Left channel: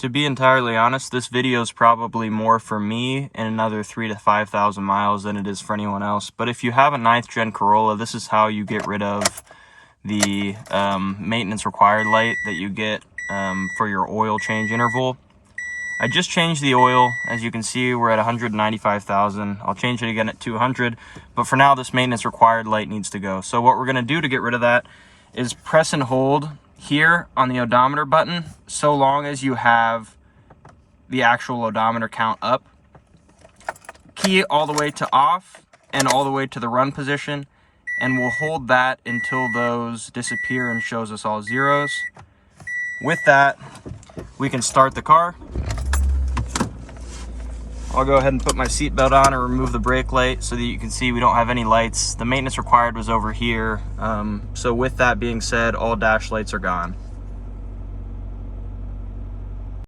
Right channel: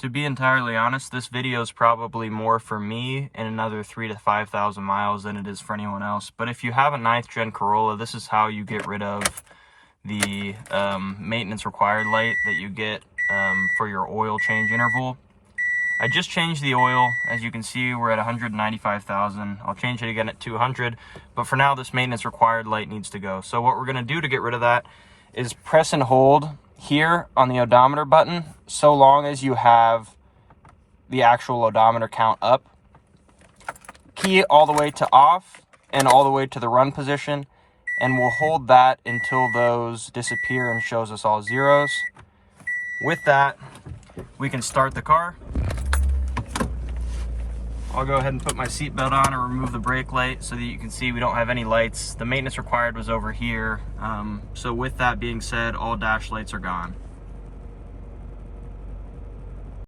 To be entirely honest, this video is probably more for me in another 3,000 to 5,000 miles than it is for anyone else. But if you have a 9th gen Corolla, this is how you get rid of the maintenance required light that you get for your oil change interval. I just changed the oil. As you can see, we're at 195,000. I'll change it again at 200, but for now this maintenance required light needs to go. So what we're gonna do to get rid of that is press and hold here on the odometer button so long as you have the actual odometer count up. Key it all the way to off and all the way to the run position, and we'll hold that until those disappear and shows us all zeros. With that, we can start the car. I'll go ahead and put my seatbelt on and remove the brake light so that you can see we don't have any lights. The maintenance required was over here. So with that being said, all dash lights are gone.